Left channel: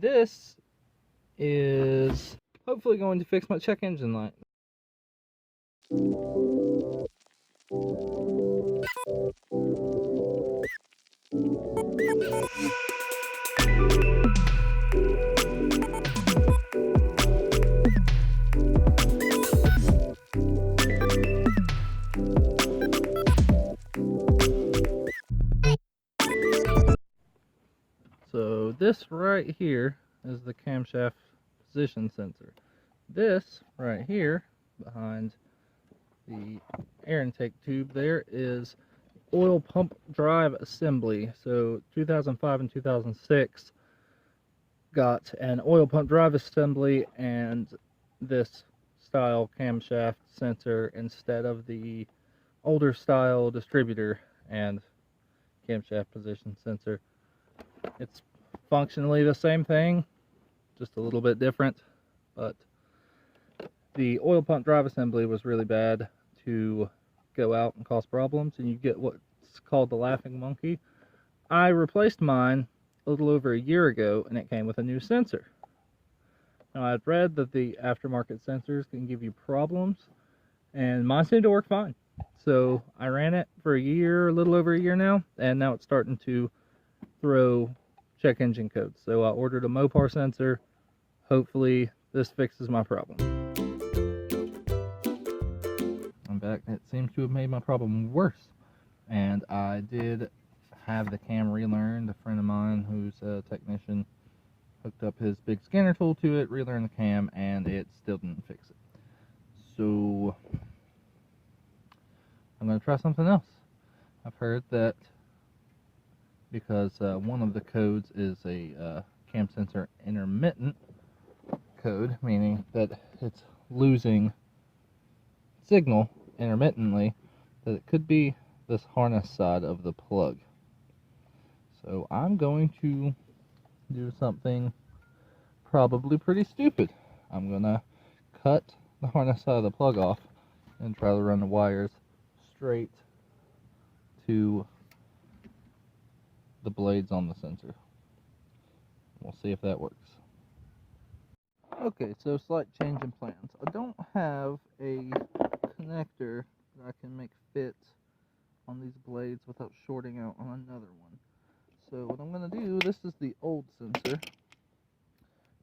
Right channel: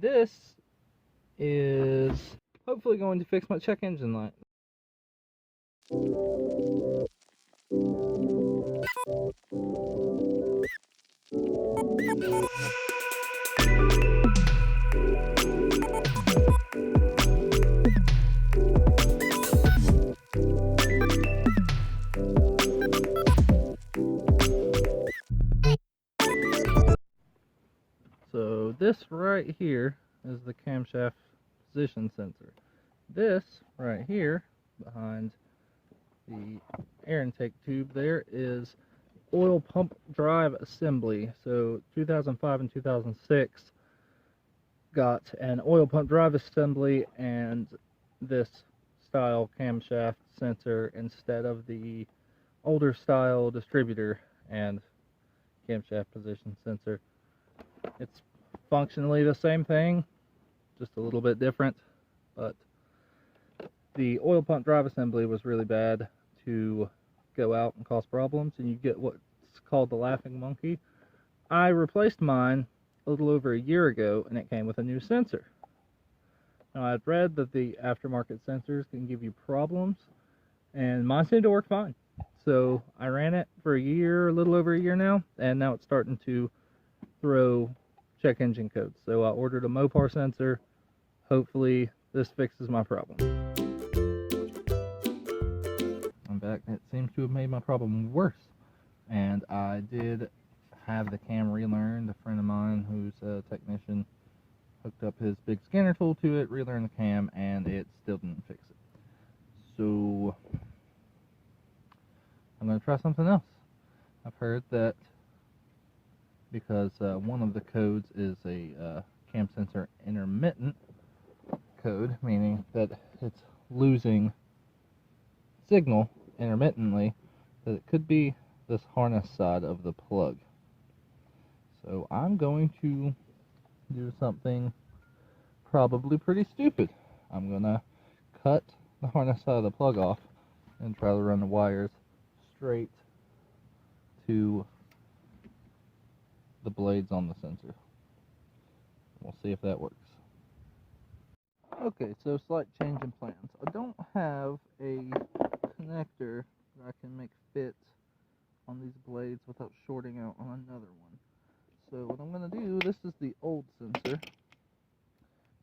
This is hopefully going to fix my check engine light. So this right here is the camshaft position sensor. This right here behind the air intake tube there is oil pump drive assembly. So 2005 and 2006 got an oil pump drive assembly and this style camshaft sensor instead of the older style distributor and camshaft position sensor. It's functionally the same thing, just a little bit different, but the oil pump drive assembly was really bad to go out and cause problems, and you get what's called the laughing monkey. I replaced mine a little over a year ago, and it came with a new sensor. Now, I'd read that the aftermarket sensors can give you problems, and mine seemed to work fine. So I ran it for a year, a little over a year now, and now it's starting to throw check engine codes. So I ordered a Mopar sensor. Hopefully this fixes my problem. In fact, it seems to have made my problem worse. And I did have the cam relearned. A friend of mine who's a technician hooked up his big scanner tool to it, relearned the cam, and it still didn't fix it. So I'm going to try something else. I've heard that because one of the codes is a cam sensor intermittent code, meaning that it's losing signal intermittently, that it could be this harness side of the plug. So I'm going to do something probably pretty stupid. I'm going to cut the harness side of the plug off and try to run the wires straight to the blades on the sensor. We'll see if that works. Okay, so slight change in plans. I don't have a connector that I can make fit on these blades without shorting out on another one. So what I'm going to do, this is the old sensor,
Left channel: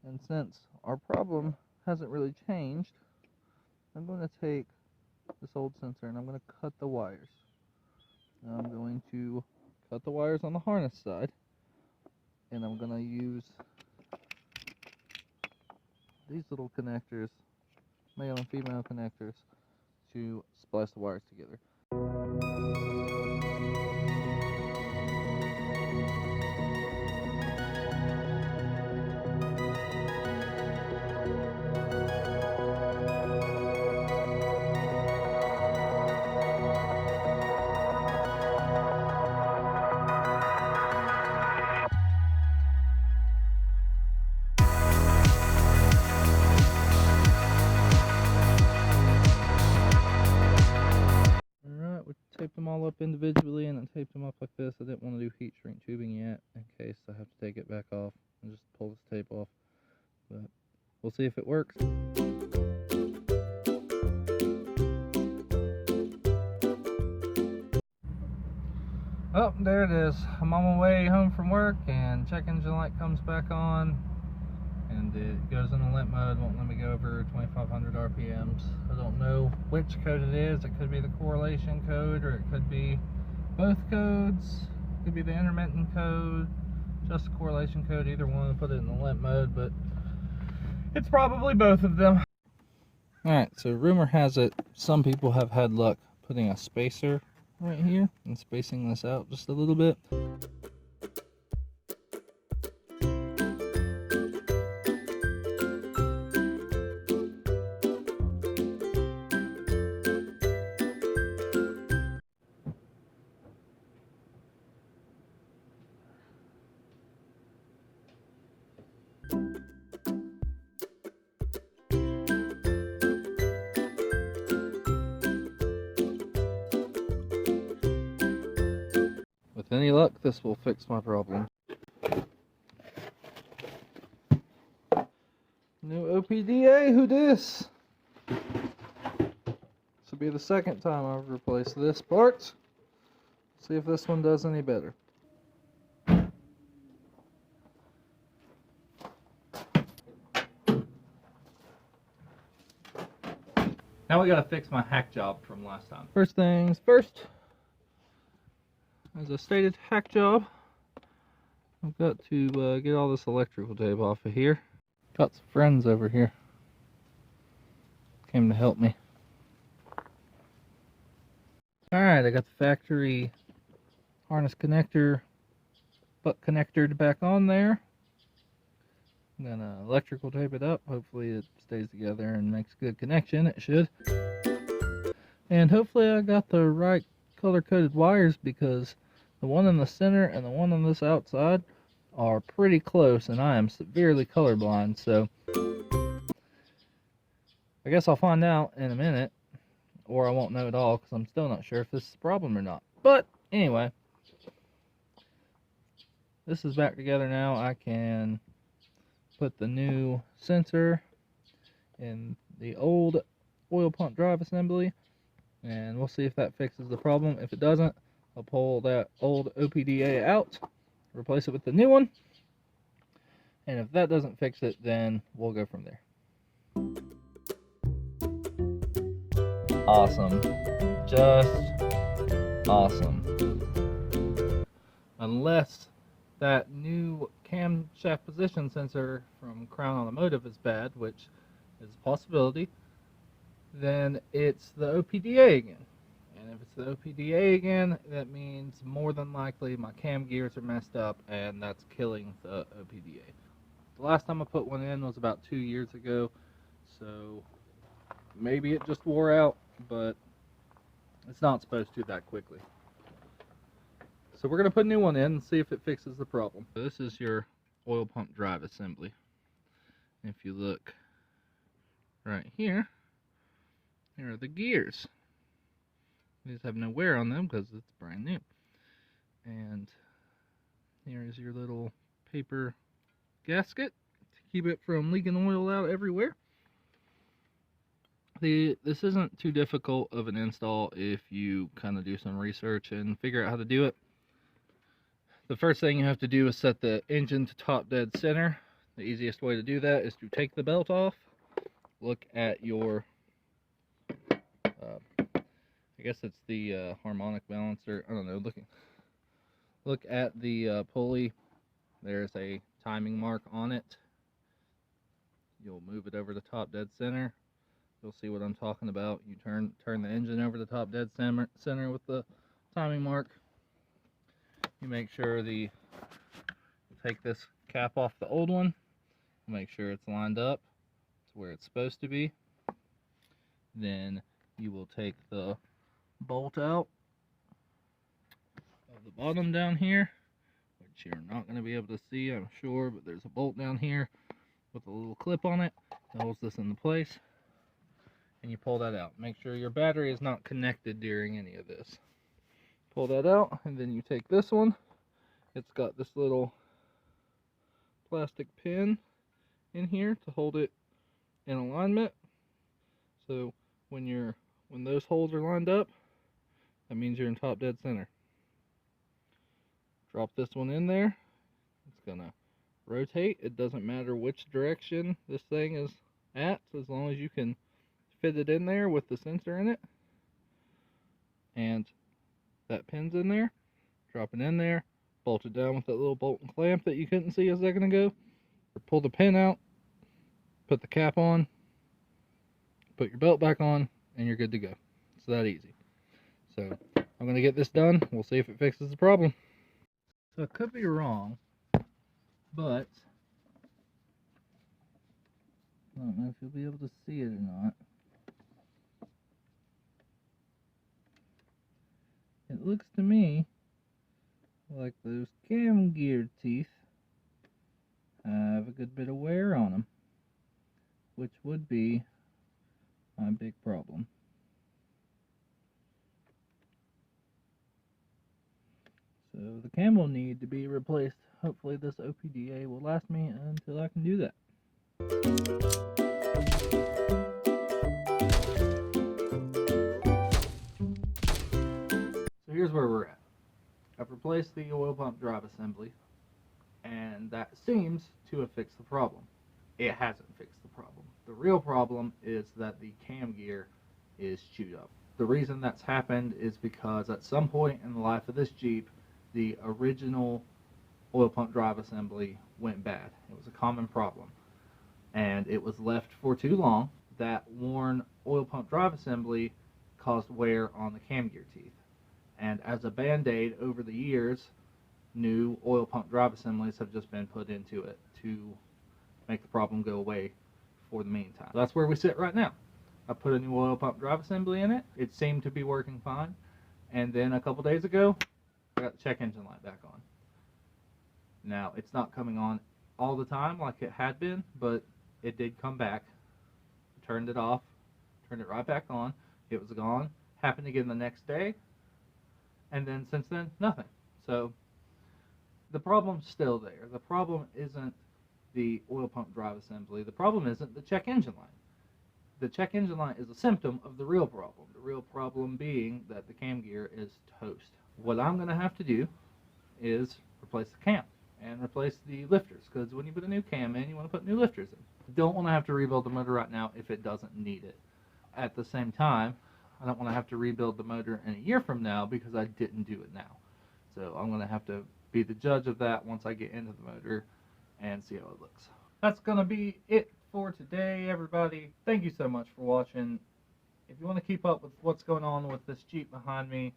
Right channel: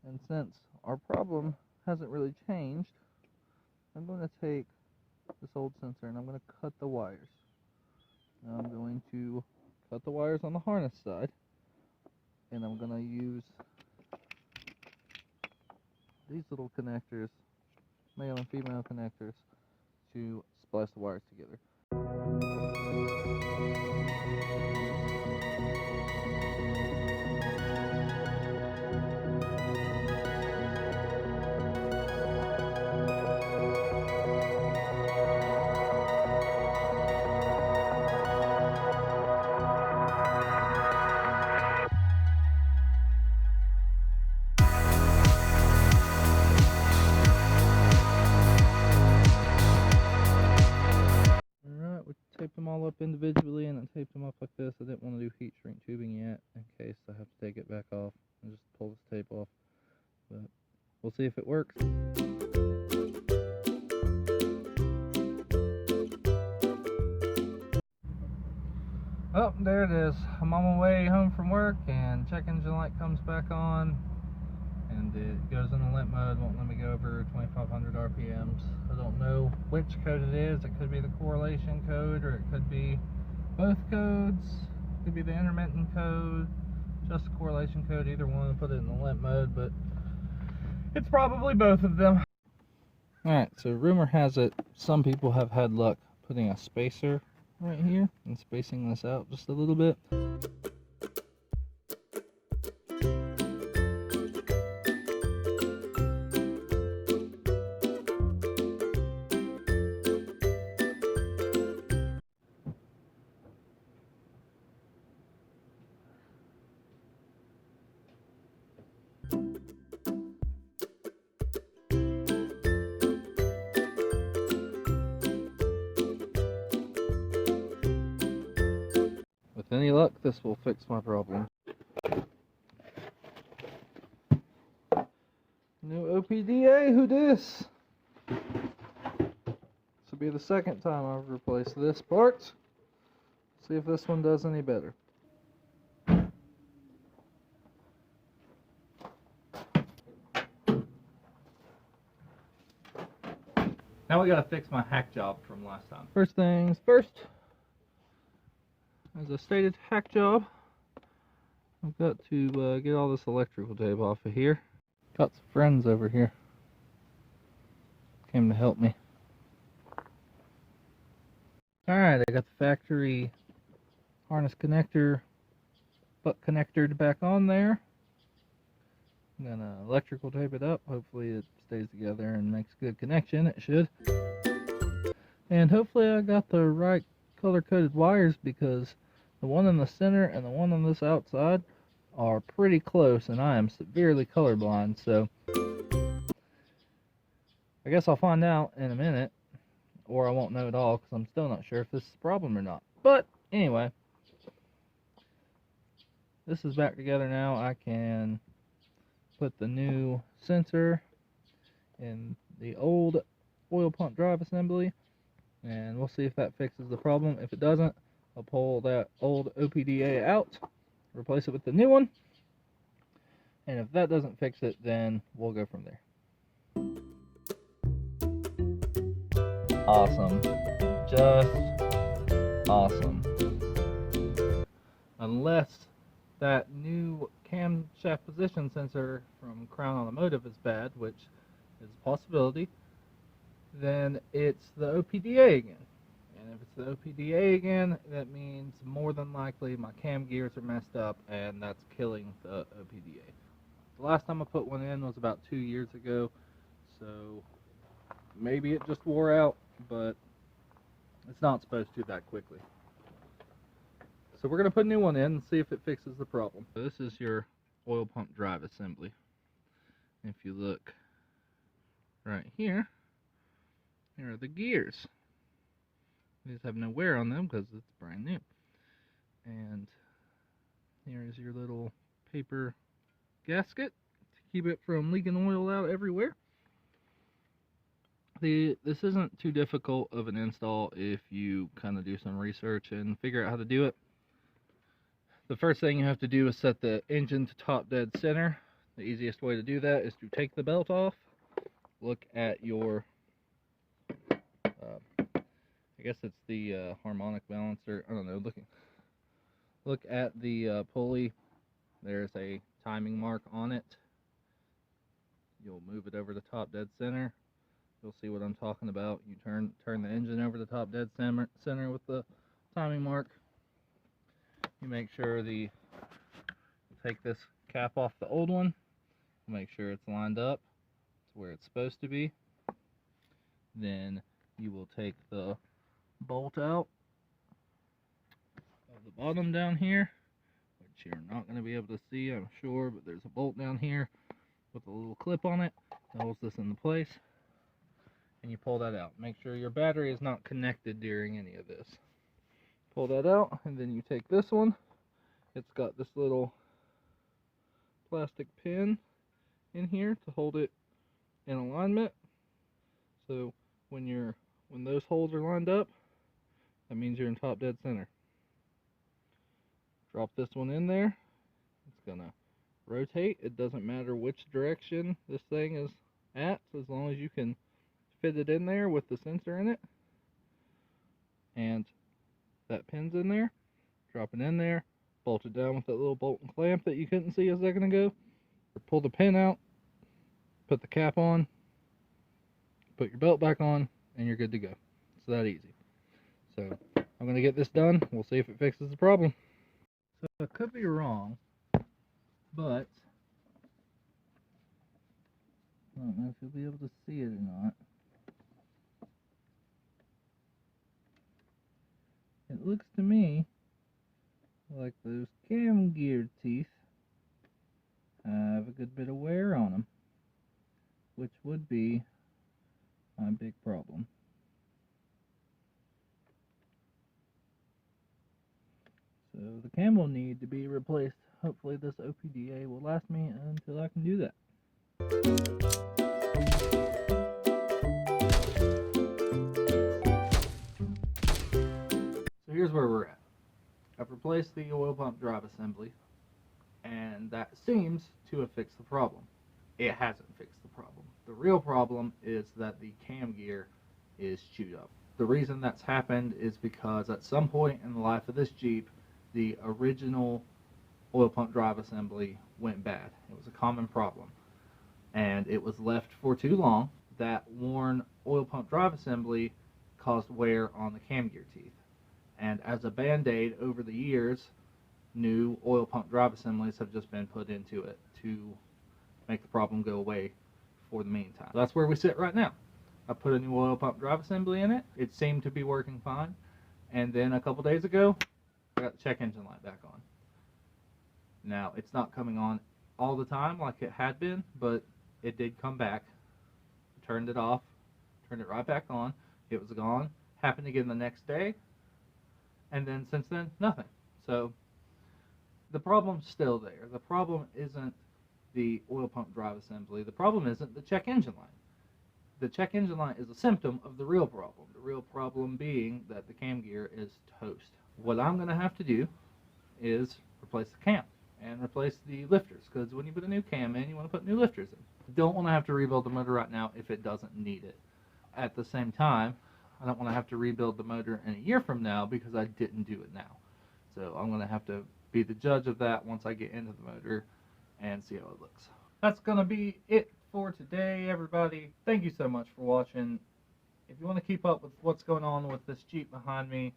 and since our problem hasn't really changed, I'm going to take this old sensor and I'm going to cut the wires. Now I'm going to cut the wires on the harness side, and I'm going to use these little connectors, male and female connectors, to splice the wires together. Taped them all up individually, and I taped them up like this. I didn't want to do heat shrink tubing yet in case I have to take it back off and just pull this tape off, but we'll see if it works. Oh, there it is. I'm on my way home from work, and check engine light comes back on, and it goes into limp mode. Won't let me go over 2500 RPMs. I don't know which code it is. It could be the correlation code, or it could be both codes. It could be the intermittent code, just the correlation code. Either one, put it in the limp mode, but it's probably both of them. Alright, so rumor has it some people have had luck putting a spacer right here and spacing this out just a little bit. With any luck, this will fix my problem. OPDA, who dis? This will be the second time I've replaced this part. See if this one does any better. Now we gotta fix my hack job from last time. First things first, as a stated hack job, I've got to get all this electrical tape off of here. Got some friends over here. Came to help me. Alright, I got the factory harness connector, butt connectored back on there. I'm gonna electrical tape it up. Hopefully it stays together and makes good connection. It should. And hopefully I got the right color-coded wires, because the one in the center and the one on this outside are pretty close, and I am severely colorblind, so I guess I'll find out in a minute, or I won't know at all, because I'm still not sure if this is a problem or not. But anyway, this is back together now. I can put the new sensor in the old oil pump drive assembly, and we'll see if that fixes the problem. If it doesn't, I'll pull that old OPDA out, replace it with the new one, and if that doesn't fix it, then we'll go from there. Awesome. Just awesome. Unless that new camshaft position sensor from Crown Automotive is bad, which is a possibility, then it's the OPDA again. And if it's the OPDA again, that means more than likely my cam gears are messed up, and that's killing the OPDA. The last time I put one in was about 2 years ago, so maybe it just wore out, but it's not supposed to that quickly. So we're going to put a new one in and see if it fixes the problem. So this is your oil pump drive assembly. If you look right here, here are the gears. These have no wear on them because it's brand new. And here's your little paper gasket to keep it from leaking oil out everywhere. This isn't too difficult of an install if you kind of do some research and figure out how to do it. The first thing you have to do is set the engine to top dead center. The easiest way to do that is to take the belt off, look at your, I guess it's the harmonic balancer, I don't know, look at the pulley. There's a timing mark on it. You'll move it over to top dead center. You'll see what I'm talking about. You turn the engine over to top dead center with the timing mark. You make sure you take this cap off the old one, make sure it's lined up to where it's supposed to be. Then you will take the bolt out of the bottom down here, which you're not going to be able to see, I'm sure, but there's a bolt down here with a little clip on it that holds this into place, and you pull that out. Make sure your battery is not connected during any of this. Pull that out, and then you take this one. It's got this little plastic pin in here to hold it in alignment. So when those holes are lined up, that means you're in top dead center. Drop this one in there. It's gonna rotate. It doesn't matter which direction this thing is at, as long as you can fit it in there with the sensor in it. And that pin's in there. Drop it in there. Bolt it down with that little bolt and clamp that you couldn't see a second ago. Pull the pin out. Put the cap on. Put your belt back on, and you're good to go. It's that easy. So I'm going to get this done. We'll see if it fixes the problem. So I could be wrong, but I don't know if you'll be able to see it or not. It looks to me like those cam gear teeth have a good bit of wear on them, which would be my big problem. So the cam will need to be replaced. Hopefully this OPDA will last me until I can do that. here's where we're at. I've replaced the oil pump drive assembly, and that seems to have fixed the problem. It hasn't fixed the problem. The real problem is that the cam gear is chewed up. The reason that's happened is because at some point in the life of this Jeep, the original oil pump drive assembly went bad. It was a common problem, and it was left for too long. That worn oil pump drive assembly caused wear on the cam gear teeth, and as a band-aid over the years, new oil pump drive assemblies have just been put into it to make the problem go away for the meantime. So that's where we sit right now. I put a new oil pump drive assembly in it. It seemed to be working fine, and then a couple days ago I got the check engine light back on. Now it's not coming on all the time like it had been, but it did come back. I turned it off, turned it right back on. It was gone. Happened again the next day, and then since then nothing. So the problem's still there. The problem isn't the oil pump drive assembly. The problem isn't the check engine light. The check engine light is a symptom of the real problem. The real problem being that the cam gear is toast. What I'm going to have to do is replace the cam and replace the lifters, because when you put a new cam in, you want to put new lifters in. You don't want to have to rebuild the motor right now if it doesn't need it. At the same time, I don't want to have to rebuild the motor in a year from now because I didn't do it now. So I'm going to have to be the judge of that once I get into the motor and see how it looks. That's going to be it for today, everybody. Thank you so much for watching. If you want to keep up with what's going on with this Jeep behind me,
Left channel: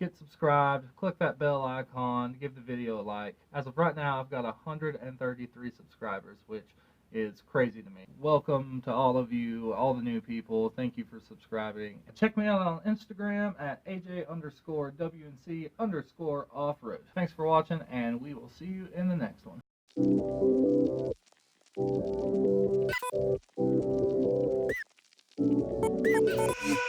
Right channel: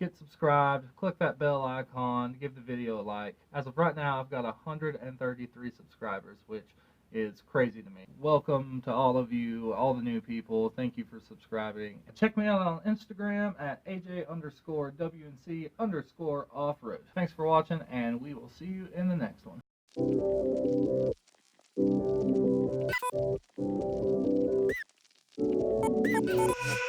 get subscribed, click that bell icon, give the video a like. As of right now, I've got 133 subscribers, which is crazy to me. Welcome to all of you, all the new people. Thank you for subscribing. Check me out on Instagram at AJ_WNC_offroad. Thanks for watching, and we will see you in the next one.